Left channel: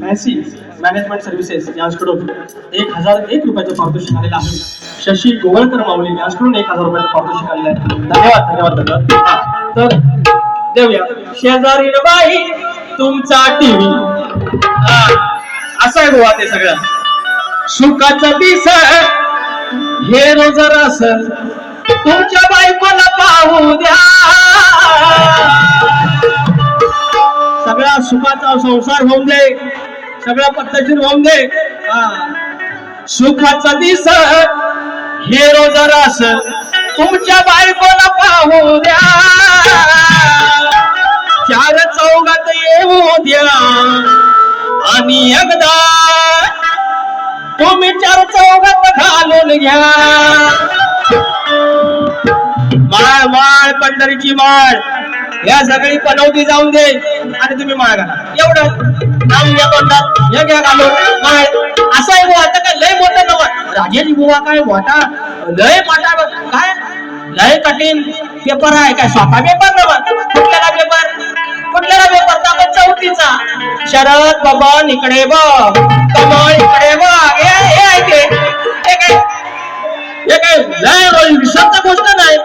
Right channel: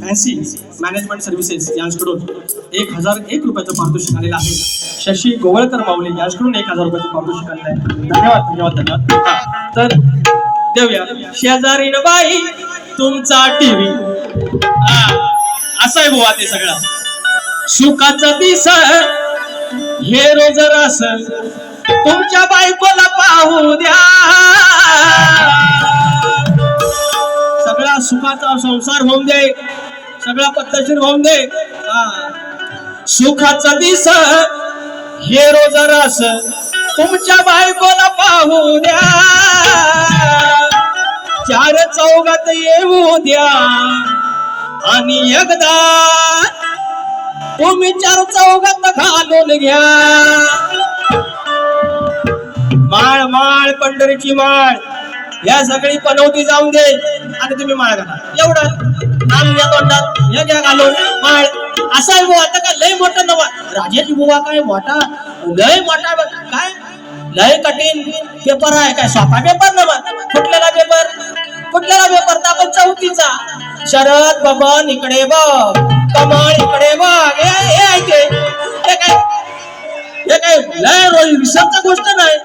Messi management services यांच्याकडून एक हजार एक रुपयाचं पारितोषिक आलेलं आहे. शशी गोवळकर माऊली यांच्याकडून एक हजार रुपयाचं पारितोषिक आलेलं आहे. धन्यवाद धन्यवाद धन्यवाद. तर देऊया. शेजारी बाई तुमचा टीव्ही. असं आहे गोवा ते सगळं. सुखाचा दिस हे रोज रस. तुमच्या बायकोला पाहू द्या. सगळा सुखाचा संसार होऊन दे. सगळा पद्धतशीर होऊन दे. सुखाचा दिस. हे रोज रस. तुमच्या बायकोला पाहू द्या. चार चौघात येऊ द्या. आणि एकदा तुम्ही चार चौघात घालून घ्या. माळ माळ पंढरीची माळ. या सगळी पनवती जाऊन दे. आणि तुम्ही माळ घाला. एवढं. घ्या तोंडात. हे घ्या घालून. माळ. असं आहे बुवा. आता काय लय मोठा नवा राजेश बुवा काय मोठा? लय मोठा काय? लय कठीण पेपर आहे. काय स्वतः पेपर नवा कुठलेला पेपर कुठलेला पेपर दाखव चौथीचा. शरद बबन इकडे बघ. कमळ इकडे बघ. हे ऐके हे काय? हे काय? लय रोज विसरता गोष्ट नाही.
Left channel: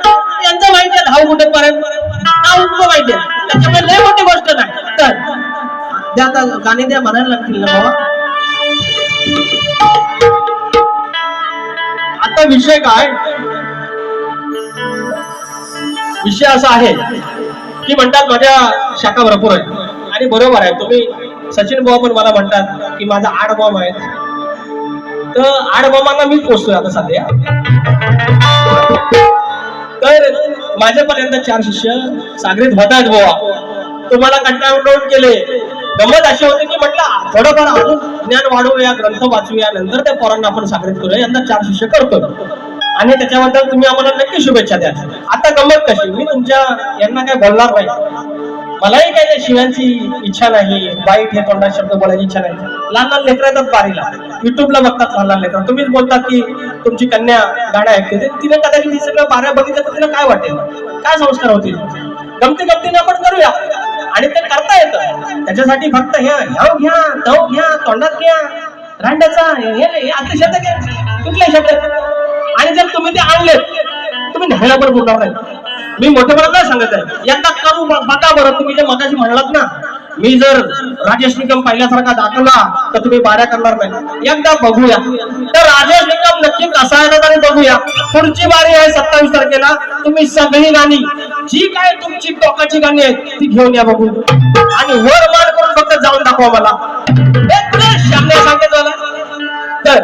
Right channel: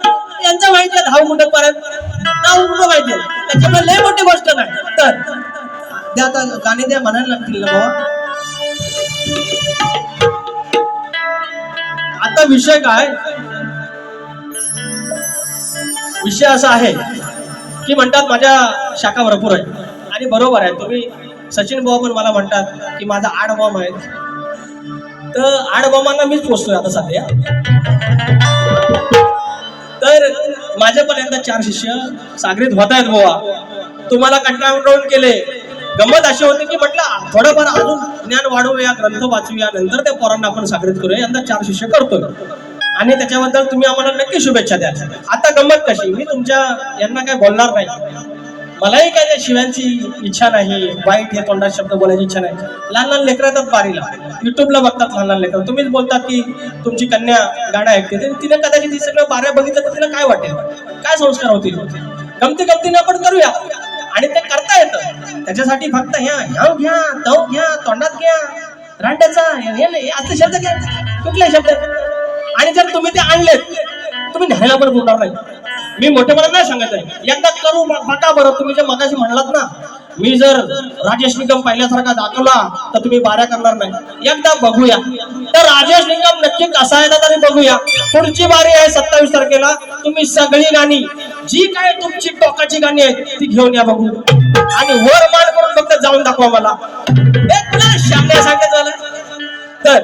यांचं माहिती आहे धाव कुठे पर्यंत नाव कुठं माहिती आहे त्याच्यामुळे लय मोठी गोष्ट नाही. तर द्या आता गाणे द्या म्हणायला लागतील ना बाबा आता विषय काय? विषय असा आहे की म्हणतात माझ्या शाखा भरपूर आहे आणि बरोबर आहे. तुम्ही सचिन भाऊ पण मला म्हणतात की माझा आड बॉम्ब आहे. तर आड बॉम्बांना मीच पोचतोय आता सध्या. तर माझ्यापर्यंत चार शिष्य सागरीत होत आहेत बोवा. तुम्हाला कंटाळून केले. गमत अशी होती की म्हटलं थोडंफार अजून ज्ञान वाढवूया ग्रंथ वाचूया नंतर त्या पोरांना आपण सागरीत करूया यंदा चार शिष्य करतोय आणि त्याच्याबद्दल तुम्ही आम्हाला नक्की शुभेच्छा द्या. आता गंमत कशी? मी तुमच्या यांना काय बोलणार नाही. मलाही काय त्या शिव्यांची इच्छा नाही वाईट हे तोंडात शब्द बोलायची इच्छा नाही. लहान लहान लेकर येतात बारीला युट्यूबला बघतात लहान लहान लेकर. तुम्हीच बोलतात की तुमची कन्या गाणं ऐकते. तिने कदाचित सगळं बाऱ्या बघितलं तर तिला काय वाटेल? काय संस्कार होतील? गमती गमतीने आपण करूया. आणि ते करता येतं. त्याच्यासाठी फक्त ह्या ह्याव घ्या तव घ्या तोंडात घ्या. रांड्याचा हे असले शब्द घ्या. कुठले शब्द? आणि जर तुम्ही ते आणलेत तुम्ही न्यायला पण बोलणार नाही. मी मोठेपणा नाही सांगत आहे. यंदा करू बघा बरं तुम्ही जे मगाशी म्हणलात ना मी जर राजेश निकम पहिल्यासारखा दाखवला तर तुम्ही बाऱ्या करणार नाही. एकदा बघूया. तर राजेश निकम नक्की कसा आहे आणि बघूया. पुढची बारी आहे सत्तावीस तारखेला. तुम्ही सगळी गाणी जी काय तुमची टोकाची गाणी आहेत ती घेऊन या बघू आणि वर मान करून फक्त जाऊन दाखवा मला. श्यामने तुला सांगत मला तर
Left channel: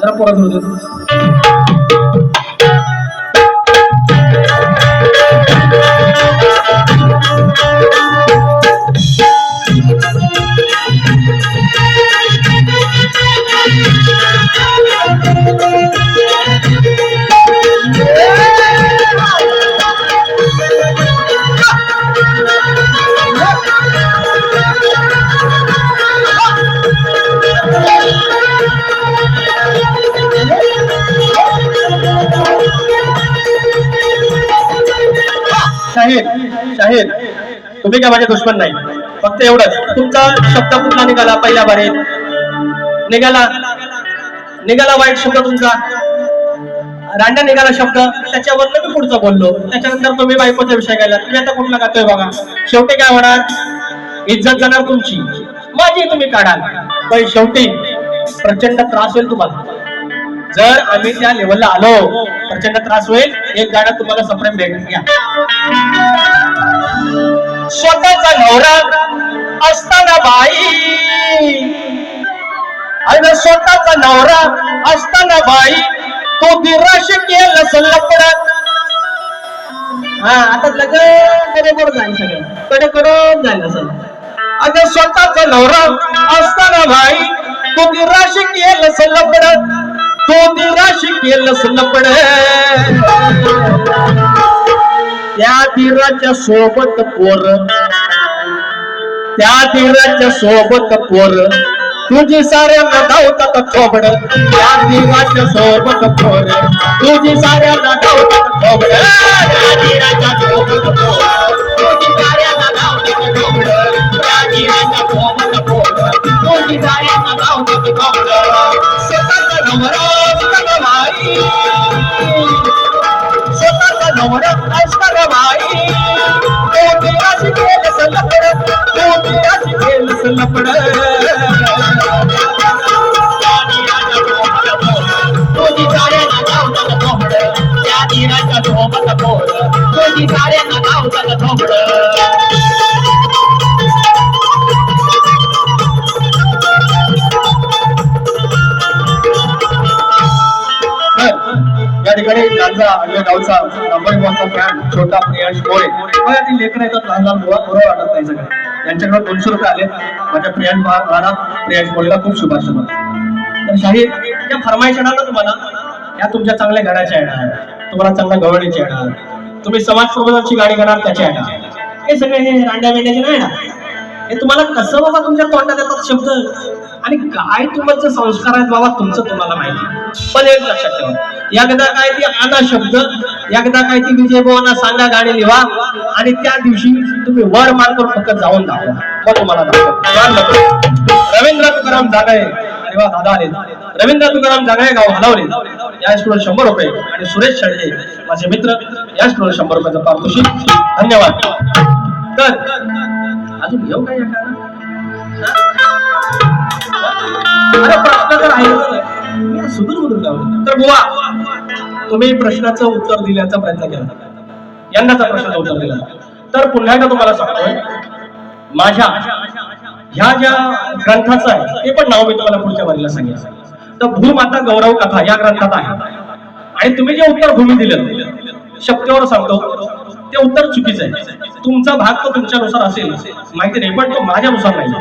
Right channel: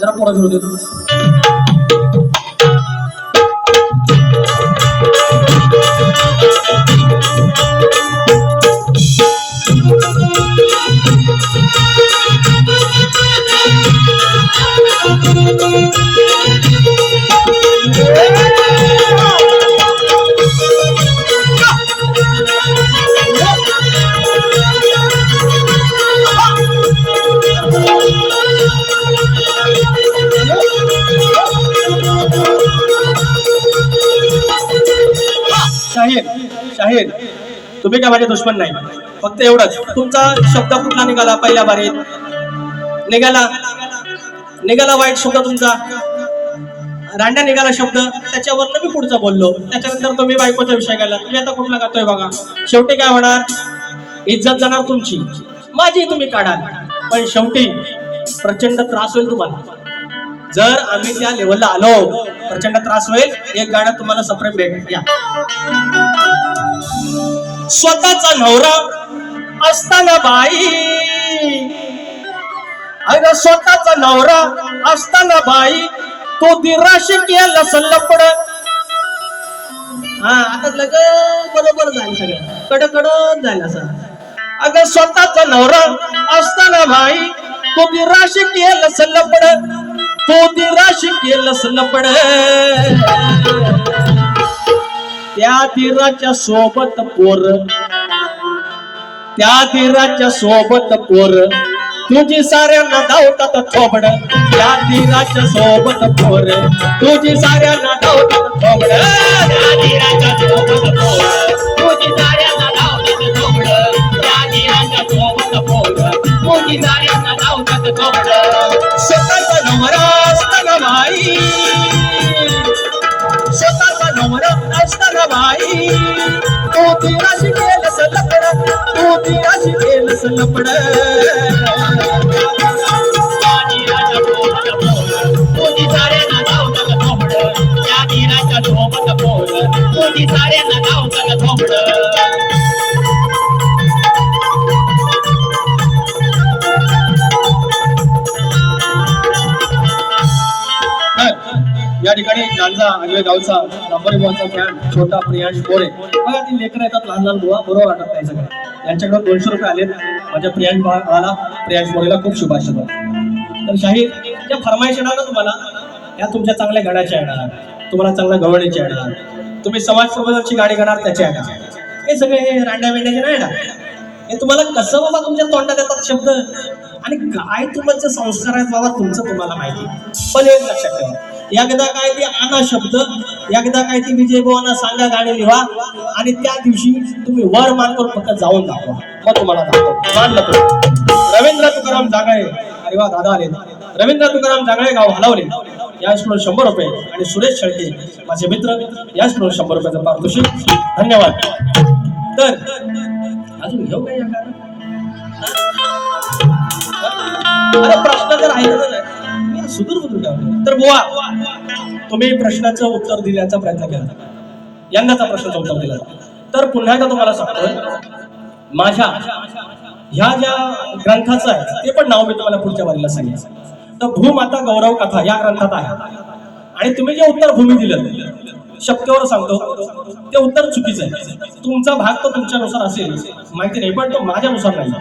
जरा परत आहेत तुम्ही काय माझे दुश्मन नाही. फक्त एवढंच. तुमचा शब्द कुठला निघाला पहिल्या बारीत? निघाला. निघाला वाईट शब्द तुमचा? रांड्या निघाला शब्द. त्याच्यावर मी पुढचा बोललो. त्याच्यानंतर तुम्ही बायकोचा विषय गेला तुम्ही आता कुठला गातोय बघा. शेवटी काय होणार? इज्जत जाणार तुमची. माझी तुम्ही काढाल. पण शेवटी प्रचंड त्रास होईल तुम्हाला. जर आम्ही त्या लेवलला आलो प्रचंड त्रास होईल. एक गाणं तुम्हाला सप्रेम भेट. या. स्वतःचा नवरा असताना बाई. अरे स्वतःचा नवरा असताना बाई तो दिराशी केलं सल्लपड हा आता लगेच बरोबर जाईल सगळं. कडे जाईल असं अगं स्वतःचा नवरा असताना भाई तो दिराशी केलं सल्लपड तो दिराशी केलंस लपड. त्या दिराच्या सोबत पोर. त्या दिराच्या सोबत पोर. तुझी साऱ्यांना धावतात खोबड त्या दिराच्या सोबत पोर. तुझी साऱ्यांना धावतात खोबड त्या दिराच्या सोबत तुझी साऱ्यांना धावतात खोबड त्या दिराच्या सोबत पोर. तुझी Bye. छोटा प्रियांश मोरे बघा ती लेकर येतात लहान लहान मुला बरोबर वाटत नाही सगळं. यांच्याकडे दोनशे रुपये आले माझ्या प्रियांश बाळाला प्रियांश मोरेला खूप शुभाशुभ तर शाहीर ज्या फरमाईश येणार ना तुम्हाला? या तुमच्या चांगल्या गाण्याच्या येणार. तुम्हाला चांगल्या गवळीच्या येणार. तुम्ही समाज प्रबोधनची गाणी घेणार त्याच्या येणार. हे सगळे हे रांड्या मेंढ्याचे नाही ना हे तुम्हाला कसं बाबा तुमच्या तोंडात येतात शब्द? आणि काय तुमचं संस्कार आहेत बाबा तुमचं तुम्हाला माहिती. पण एक लक्षात ठेवा. एकदा काय ती आना शब्द एकदा काय ती विजय भावांना सांगा गाणी लिहा आणि त्या दिवशी तुम्ही वर मान करून फक्त जाऊन दाखवा. मग तुम्हाला दाखवा. रवींद्र तुकाराम जागाय अरे वा दादा आले रवींद्र तुकाराम जागाय गाव हलवले. या स्कूल शंभर रुपये आणि सुरेश शेळके माझे मित्र या स्कूल शंभर रुपयाचं पारितोषिक धन्यवाद. तर अजून घेऊ काय सुदूर तर बुवा तुम्ही प्रश्नाचं उत्तर दिल्याचा प्रयत्न केला. यंदाचा प्रश्नाचं उत्तर दिला. तर पुन्हा एकदा तुम्हाला सांगतोय माझ्या ह्या ज्या ग्रंथाचं आहे ते पण नाव मी तुम्हाला पुढच्या वारीला सांगेन. तर भूमाता गौरव कथा या ग्रंथात आहे. आणि तुम्ही जे उत्तर भूमी दिलं शक्यवर सांगतो ते उत्तर चुकीचं आहे. तुमचा भाग तो तुमच्यानुसार असेल माहिती नाही पण तो माझ्यानुसार नाही.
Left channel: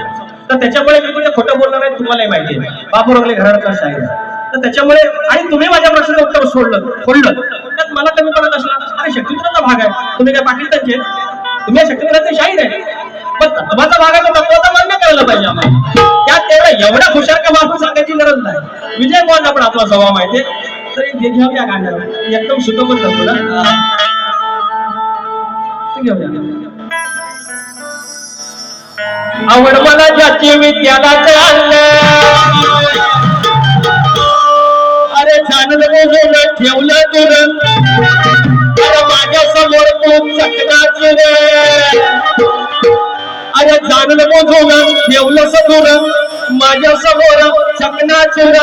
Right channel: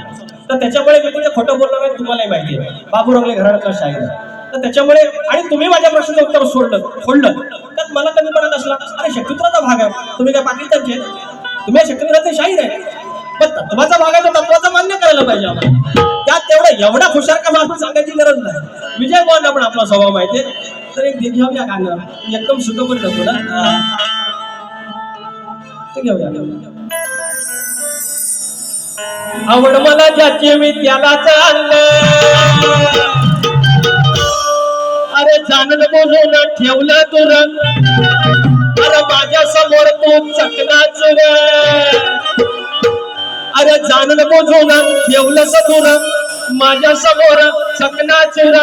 तर त्याच्यामुळे मी तिथे खोटं बोलणार नाही तुम्हालाही माहिती आहे. बापू रंगले घरातला शाहीर आहे तर त्याच्यामुळे आणि तुम्ही माझ्या प्रश्नाचं उत्तर सोडलं सोडलं. त्यात मला कमी पडत असला अरे शक्तित्राचा भाग आहे. तुम्ही काय पाकिस्तानचे? तुम्ही शक्तित्राचे शाहीर आहे. पण तत्वाचा भाग आहे तो तत्वाचा मान्य करायला पाहिजे आम्हाला. त्यात तेवढा एवढा हुशार का बापू सांगायची गरज नाही. विजय मोहन आपण आपला स्वभाव माहिती तर एक घे- घेऊया गाण्यावर. एकदम शुद्ध पण नको ना घेऊया. आवड मला ज्याची विद्याला चाललं अरे चांगलं बोलून ठेवलं तुर अरे माझ्यासमोर तू चकनाच अरे चांगलं बोलून ठेवलं सदूर माझ्यासमोर चकनाच चुर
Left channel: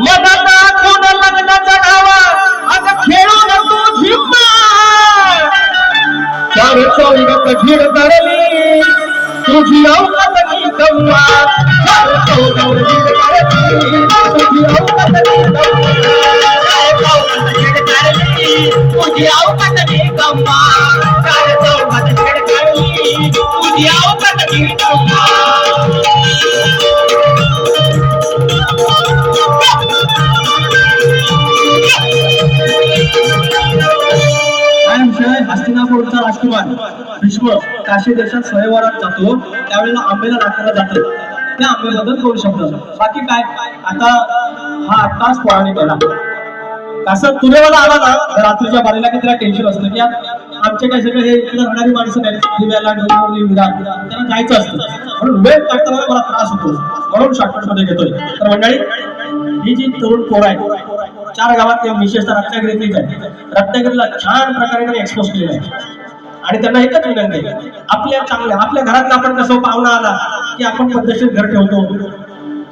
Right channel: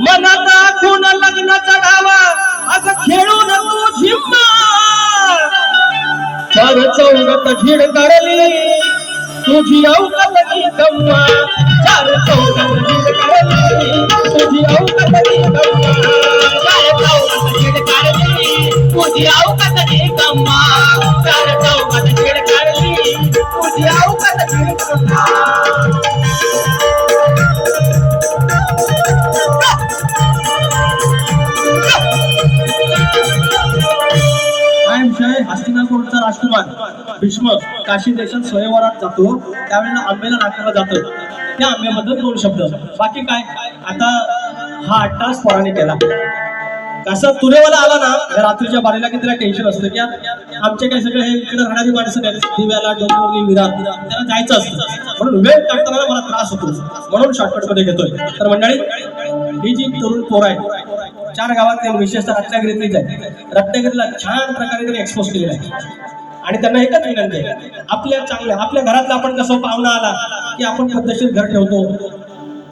मला दाखवून लग्न चढावा अग खेळून तू झिम्मा चार चौघ कठीण करली तुझी अवकात की गम्मा चार चौघ कठीण करली तुझी अवकात की गम्मा तुझी अवकात गम्मा. तुझी अवकात काय हस्तिनापूरचा राजकुमार. विश्व काशी देशात स्वयंवरात जातो. त्यावेळेला आंबेला नाकाला जातो. त्या आंब्याबद्दल दोन शब्द? बाकी काय? आता हा अट्टास तास केला. कसं तुरेवाला आला ना रात्रीच्या बारीला की तिला टेन्शन असतं की आमचे काय सगळे हे इकडे राहणारी माणसं नाही दिव्याला डोंबिवली विरार त्यांना जायचं असतं. म्हणून वेळ काढताना मला त्रास होतो. म्हणून शॉर्टकटमध्ये घेतोय. तर मंडळी ही जी तरुण पोर आहे चार गावात विशेषतः रत्नागिरीतलीच आहे रत्नागिरीला छान प्रकारे त्यांनी एक्सपोज केलेलं आहे. आणि त्यांना एकच विनंती आहे आपल्या चांगल्या आपल्या घरातला आपण कसं पाहुणा आला की आपण पद्धतशीर घर ठेवतो.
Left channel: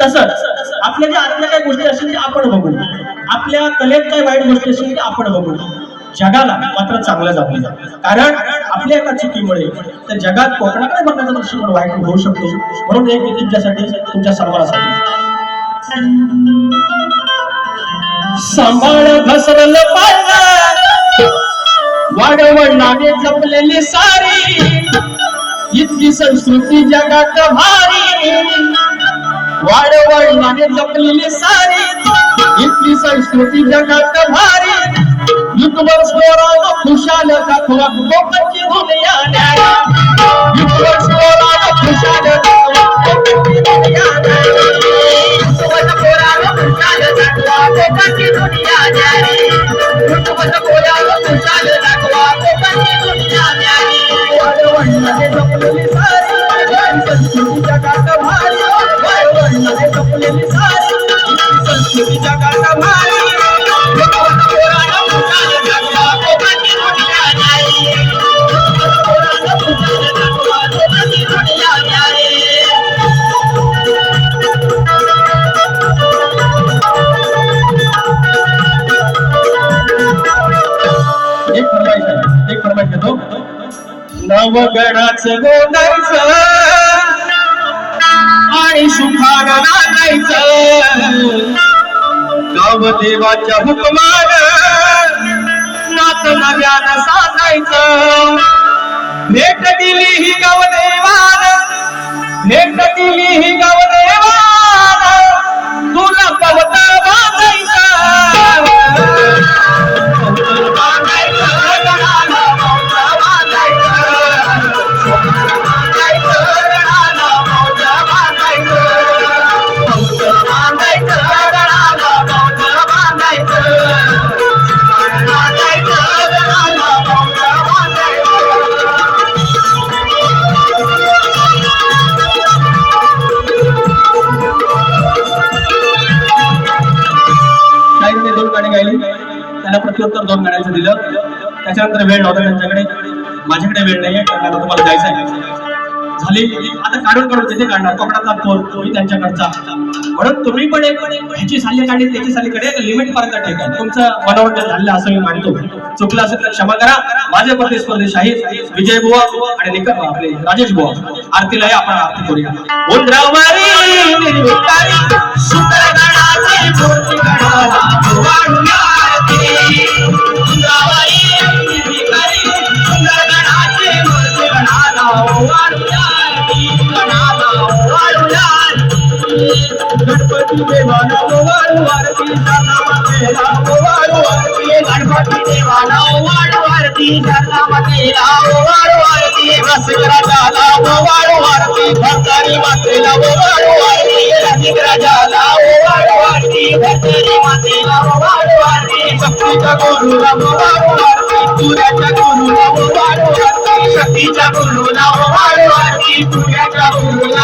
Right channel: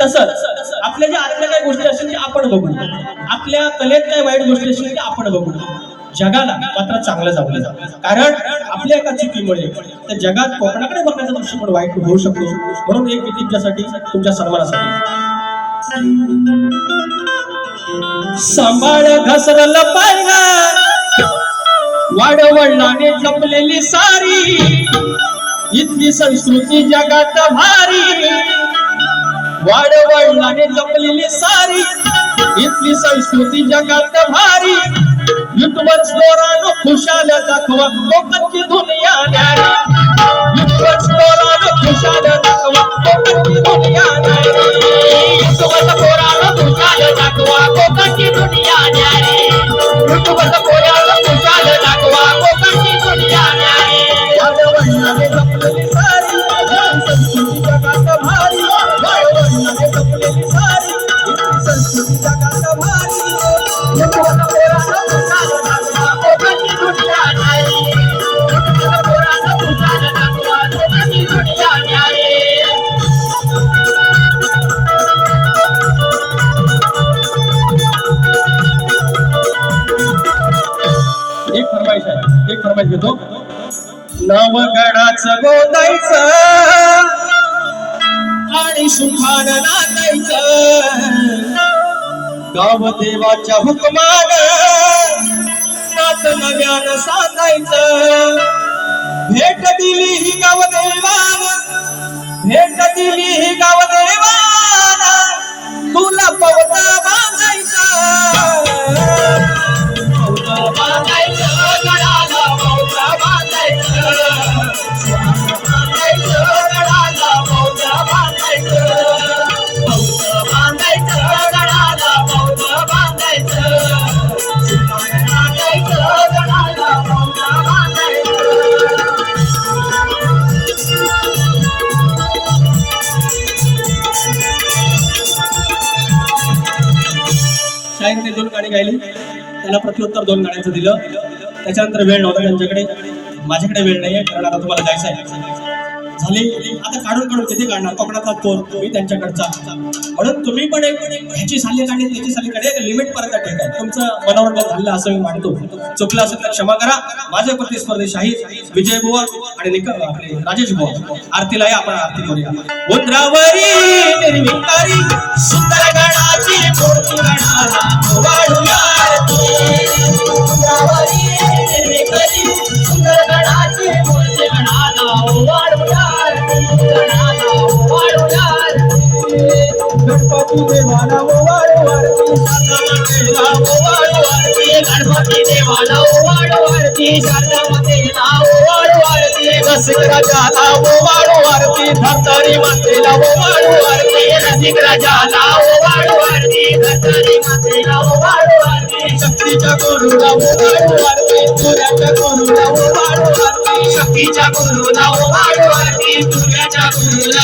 तसंच आपल्या ज्या आतल्या काही गोष्टी असतील त्या आपण बघू. आपल्या कलेत काय वाईट गोष्टी असेल त्या आपण बघू. जगाला मात्र चांगलं जाऊ कारण आपल्या एका चुकीमुळे तर जगात कोकणाकडे बघण्याचा दृष्टिकोन वाईट होऊ शकतो. म्हणून एक तुमच्यासाठी तुमच्या सर्वांना सांभाळ घसरलं पाहिलं वाडवडिलाने जपलेली सारी. इतकी संस्कृती जगात भारी. वाडवडिलाने जपलेली सारी. इतकी संस्कृती जगात भारी. युट्यूबर स्टोरानो खुशाल दाखवा लोकांची दुनिया न्यारी. युट्यूबर स्टोरानो खुशाल दाखवा लोकांची दुनिया न्यारी. युट्यूबर स्टोरानो खुशाल दाखवा लोकांची दुनिया न्यारी. युट्यूबर एक फरमाईश घेतो. नवगणाच गोंदायचं आणि सुखान गाव देवाच्या हुकमान नात नव्यान साजायचं. भेट दिली ही गाव देवान भेट दिली ही गाव देवान तुला पवता त्याला प्रत्युत्तर दोन गाण्यांचं दिलं. त्याच्यानंतर वेळ नव्हता त्यांच्याकडे. माझ्याकडे वेळ नाही आहे तुम्हाला जायचं आहे. झाले. आता काढून काढून तिथे काढणार? कोकणातला कोण तुम्ही त्यांच्याकडचा. म्हणून तुम्ही पण एक ह्याची साली काढली त्याची साली काढली लिमिट पर्यंत ठेका तुमचं मनोरंजन झालं असं मी मानतो. चुकलं असेल तर क्षमा करा. माझे प्रतिस्पर्धी शाहीर विजय बुवा आणि निकम आपले राजेश बुवा. आरतीला हे आपण आरती करूया. उंद्रावरी सुंदर गणाची मूर्ती गणाला. शरणामध्ये लाव वाढवारती वसुराजा लाव वाढवारती धरतरी मातेला वाढवारती रसिक राजा लाव वाढवारती धरतरी मातेला वाढवारती शक्तीच्या गुरुला वाढवारती पुऱ्याच्या गुरुला वाढवारती शक्तीच्या गुरुला वाढवारती पुऱ्याच्या गुरुला